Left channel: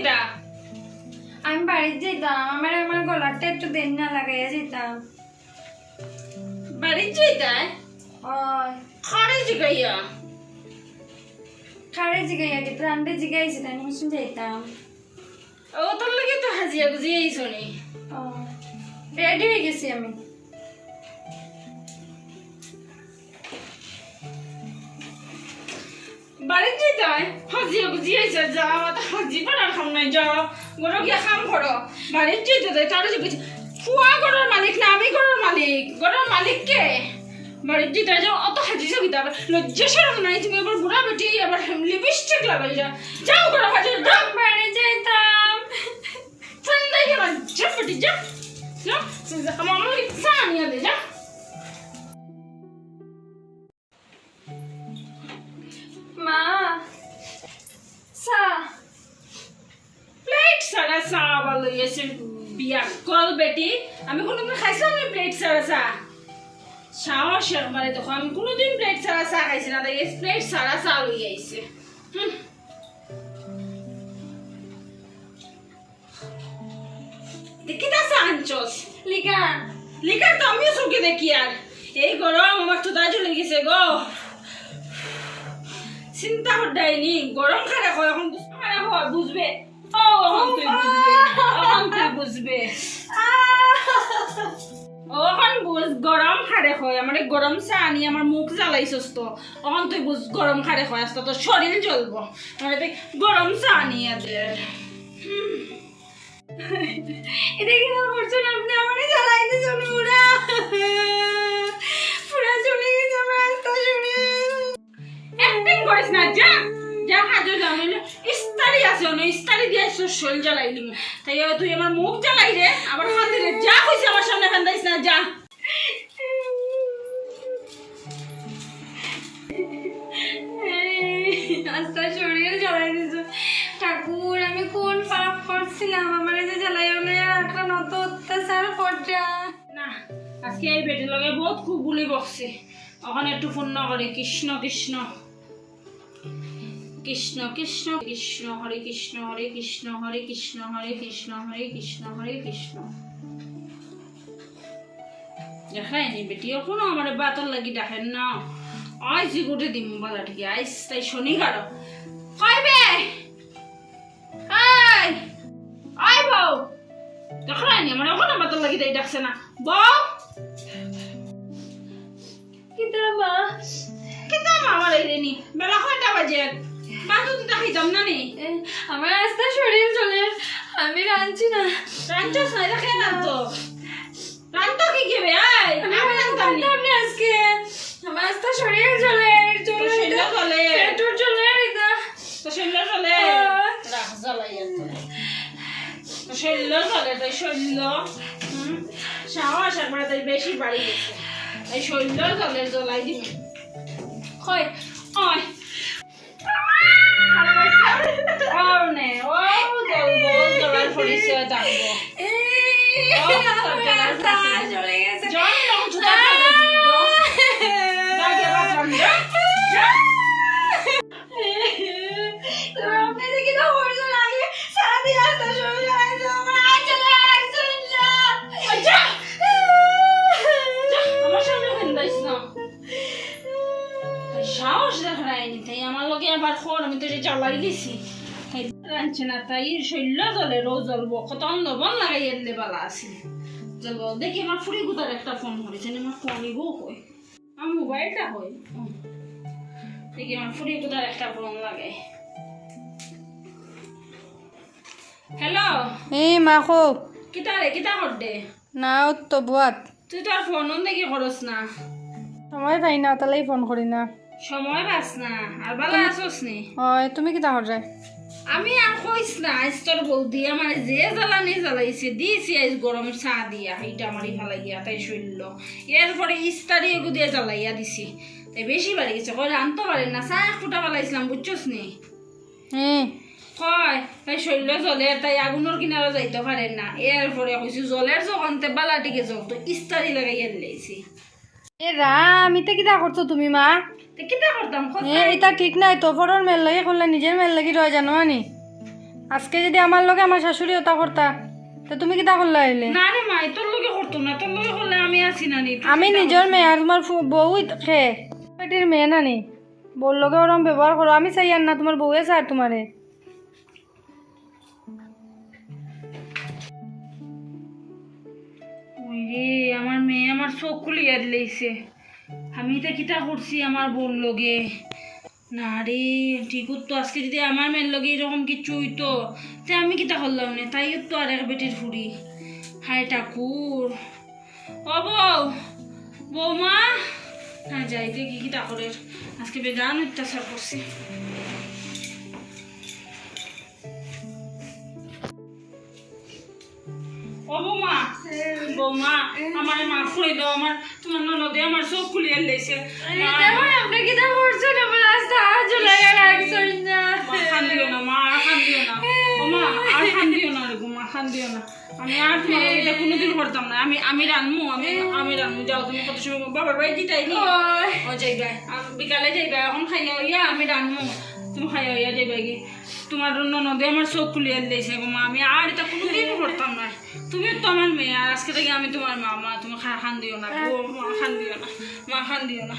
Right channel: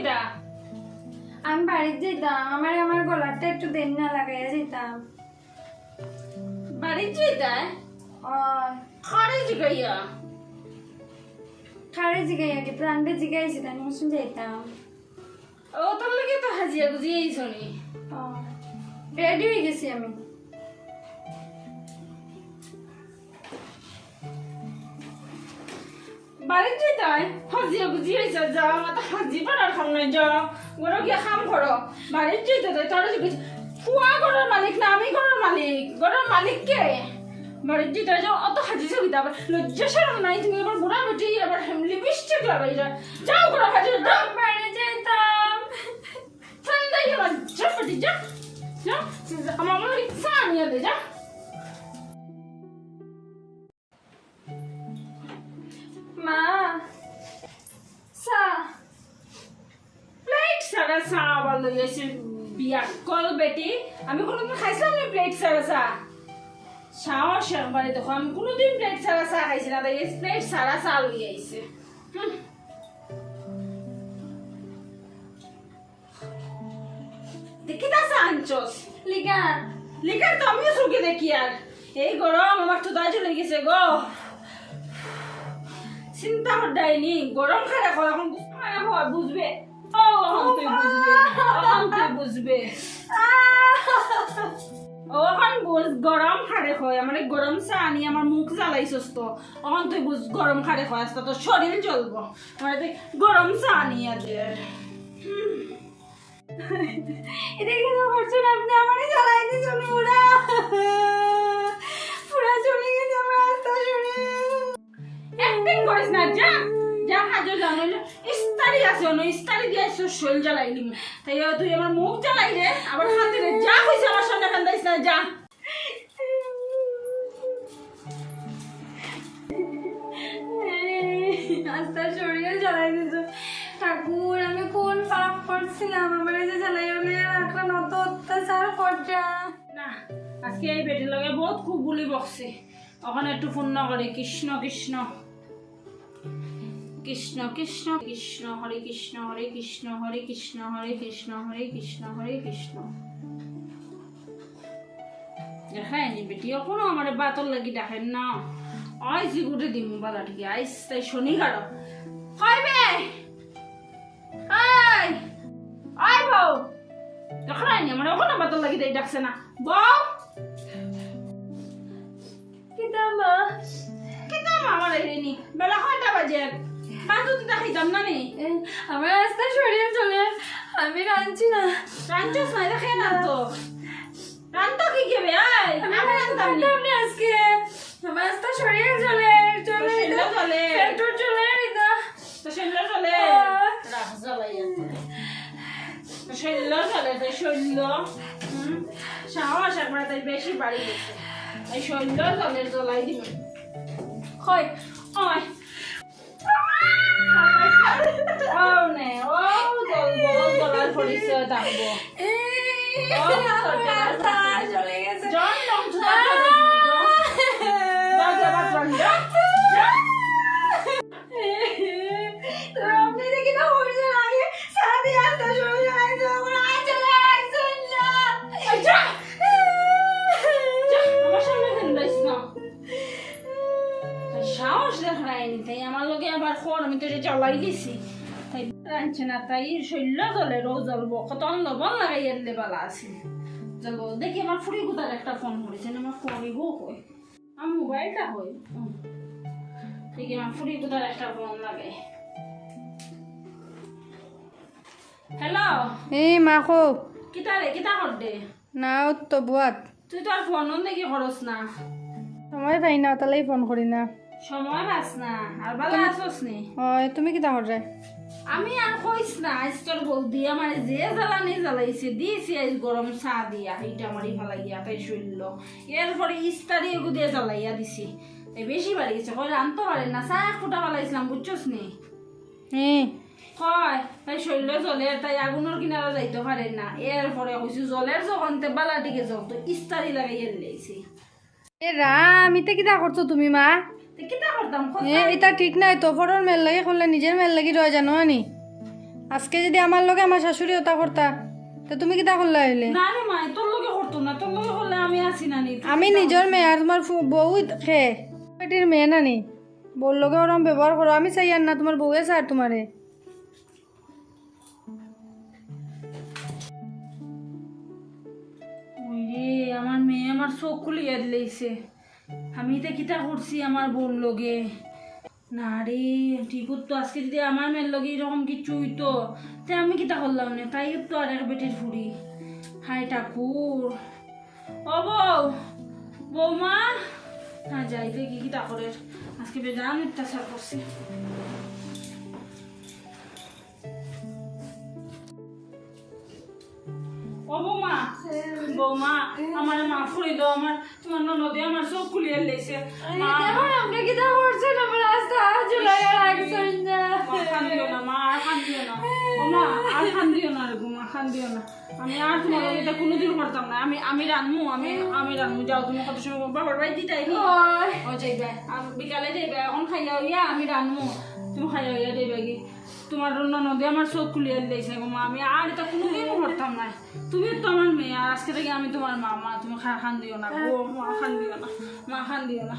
কিটা আমি বাড়িতে যেতাম, আমার গলাটা একটু দেন না লাগাইয়া যেতাম। বাড়ি যাইতাই ওই খাড়ে জিগাইয়া খারে জিগাইয়া কি প্রাণে জিগাইছি তাই নিশ্চয় যেতাম। ও তোর লাগে তো হাজিয়া গুজিয়ে আইসনি। রেডি হয়ে গেছি আমি। বাড়ি যাইতাই হাজিয়া গুজিয়ে আইসা যা মাথা হাজি পাড়ার খাম নাই যা গরো গিয়া খাম করো। বাড়ি যাইতে তার যে বুঝি ফুয়া গরোর মালিক না আমি গরোর মালিক, গরোর মালিক কে? বাড়ির যেতে যাও অত হাজি যাবিতা আবার লজ্জা সরম নাই, তুমি আবার বুড়া বেটি আবার লিপস্টিক লাগাই যা যাও গরো হাজি যাও বাড়ি যেতাম। ঠান্ডাই আবার যা বেটি যা যা আমার আমার চা নিয়ে দে যা। মা সা প্লেট সারা চা আবার লই এসে বিয়া কল বেটি, আমি কোনোদিন খাইছিলাম না প্লেট সারা চা? সাহস একবারে দেখো আমি কোনোদিন প্লেট সারা চা খাইছি না, তাই প্লেট সারা চা লই আইছে। দেখি তা চা আনছস লিগা লিকার তো আমিও চোখে দেখি আর এই গরম আমার তো দাজু লেগেছে গো। চিন্তা করদাইনি গরম খারাপ হয় এখন খারাপ হয় বুঝবে। ও এখন তুই বুঝবে, এখন তুই বুঝবে। ওখান বুঝ গরম খারে হয় আমার গরম চা আনি আমার মুখ জ্বালাইছস তো এখন তুই বুঝ গরম খারে হয় আস্তে তোর শরীর জ্বলবো মানে তুই গরম চা আনিয়া দে। এটা কিন্তু করছেন আপনি, আমারই জ্বালাই দিয়েছেন পুরা পুরা চলে গেছে আমার রাস্তা শুনে। একদিন করিস না যা যা খাজো যা নইলে ইস্তারি আছে অন্য ইস্তারি দিয়ে শরীর জ্বালাইলি তাই তুই আমার মুখ জ্বালাই রে আবার খাতে রে যা কইছে আমার সামনে কান্দাইস না যা। রাস্তা শরীর জ্বালাই দিয়েছে। ঠাকুর আমি কোন পাপ করছিলাম, আমার এই যে জ্বালাই হলে রাখলাম অত অত্যাচার করছা। না আজকে এই বেটির লগে বহুত খুব গুলি বকছে, ওখানে একটু পূর্ণ করি কৃষ্ণ কৃষ্ণ কৃষ্ণ কৃষ্ণ কৃষ্ণ হরে কৃষ্ণ হরে কৃষ্ণ হরে কৃষ্ণ হরে কৃষ্ণ হরে কৃষ্ণ হরে কৃষ্ণ। দেখায়নি বেটিও কোনো আমার বাতর লাগি দেখেন না আই জিগুটে দিম বালা ঠিক আইস তাই শনি গাড়ো কইবে আই আই বউ দেখায়নি আমার ওখানে বাতর লাগি দেই ডাকছে না বউ কিতা মা কিতা আমার এলেনি বেলা কয়টা বাজে বাজু তো দেখাই যাম না নি আমার রাস্তা শরীর চলে আমি রাঁধছি না। রাঞ্চস না দেখে না তো রান্তা কি খেবে আই আমি রান্তাম নি আপনি আজকে আমার রাস্তা শরীর চলে চলে শরীর চলে। পেটুর চলে এটা তো শরীর চলে রাখ জ্বালাই তো শরীর চলে তো শরীর সাহস একবার তাই বেশি বাড়ি গেছে এই শরীর চলে জ্বলাই দিবে হয় ওই নে ও জ্বলার পরিচয় থাকবো রাস্তা চলে গেছে। জন আপনি দেখি না হয়ে লাগে সারাদিন রাস্তা শরীর চলে আমার আজ চলে আসছেন না। আমার সামনে ফেলবাইস না সাহস দেখায়নি তাই আমার লগে আবার খোর আমি তো যে জ্বালাই দিছি তাই রাঁধছে না তাই শৈল্য জলে রোজ জ্বলবো কত লবণ লাগাই এলে বেলা আছিল জ্বলবো দেখি আমার ফুড়ি গুতার একটা ফোন করেছে আমার ফোনই গো হয় আমার মোবাইলটা হয় দেখি আমার ফুড়ি গুতার একটা ফোন লাগে। হ্যালো এই মাখো কিতা রে কিতা কর দে না তো বুয়াত তুই তো আর ফোন দেখি খরচ না সময় পাই না তাহলেই ফোন করি না। সময় পাস না আর বালা আসস নি হয় তুমি কি তাহর যায় আমি আর কইস না আজ তোর বৌদি আমার যে জ্বালানি জ্বালাইছে দিয়েছি আজ গরম চা দিয়া এইটা আমারই ফালাইয়া তাই শৈল্য এরপরে ইস্তারি এগু দিয়ে জ্বালাইয়া দিছি তাই বেশি বাড়ি গেছে কই রানতে পারে না চা এক ফুটা ফালাইছিলাম বুঝছস নি কয় তাই শৈল্য জলে তাই আগুনের কিনারা যাইতে পারে না এরপরে কইছি জলের যখনতে বালাটিকে জ্বলতো ইস্তারি লাগাইয়া দিলাইছি। এ রাম ইতা কিতা করছো তুমি মা? কিতা করতাম এটা ঠিক নাই তো ফটোর মেল লাগে করলে নিজের মেল লাগি রয় জানো নি আজকে যদি আমার লগে আমার শাশুড়ি ওটা করতা তো তুমি কিতা করলা হইলে? না রে মা তোর লোকে করতো না, তোর লোকে করলে আমি আছি না নি। আমি নিজের মেয়ে আর তোমার বউ খে পেটির মেয়ে না নি, বউর লগে ওরম ব্যবহার করো। আমি চাই আর না তোমার বউয়ে চাই তোমারে। ওই রে আমার মেয়ে আমার চোখ খুলিয়া দিলেইছে। আমি তো কিতা করছি আমার বোন লগে। না রে ঠিক তো আজকে যদি আমার মেয়ের লগে এরকম কিছু হইতো তে আমি কিতা করলাম না, তাই তো আর এক বেটির ফুড়ি। হায় ঠাকুর, ও বউ, বৌমা, হ্যাঁ যাই দেখি কিতা করে। আজকে বেজান অত্যাচার করছি। ও বৌমা, বৌমা আমার মাফ করে দাও, আমার তোমার ননদে আমার চোখ খুলিয়ে লেছে। আপনি কিতা করছেন? আমার রাস্তা আর জুলাই রাখছেন না। মা কান্দিও না, মা আর কান্দিও না। ও মা আর কান্দিও না রে মা, কান্দিও না। আমি আর তোমার এটা কোনোদিন করতাম না। আমি রানমু, আমি রানমু। যাও তুমি কত সময় বাবার বাড়ি দিতাই নি। ও যাইবা বিকালে যাইবা, এখন খাইয়া হইয়া আমি রানমু, তুমি খাইয়া হইয়া যাইবা কি। তোমার ননদে আমার চোখ খুলিয়ে দিয়েছে গো মা, আমি আর এটা কোনোদিন করতাম না। তুমি তো আমার মেয়ে, আর আজকে থেকে আমি তোমার মা। মা তুমি খান দিও না গো মা, খান দিও না মা, খান দিও না।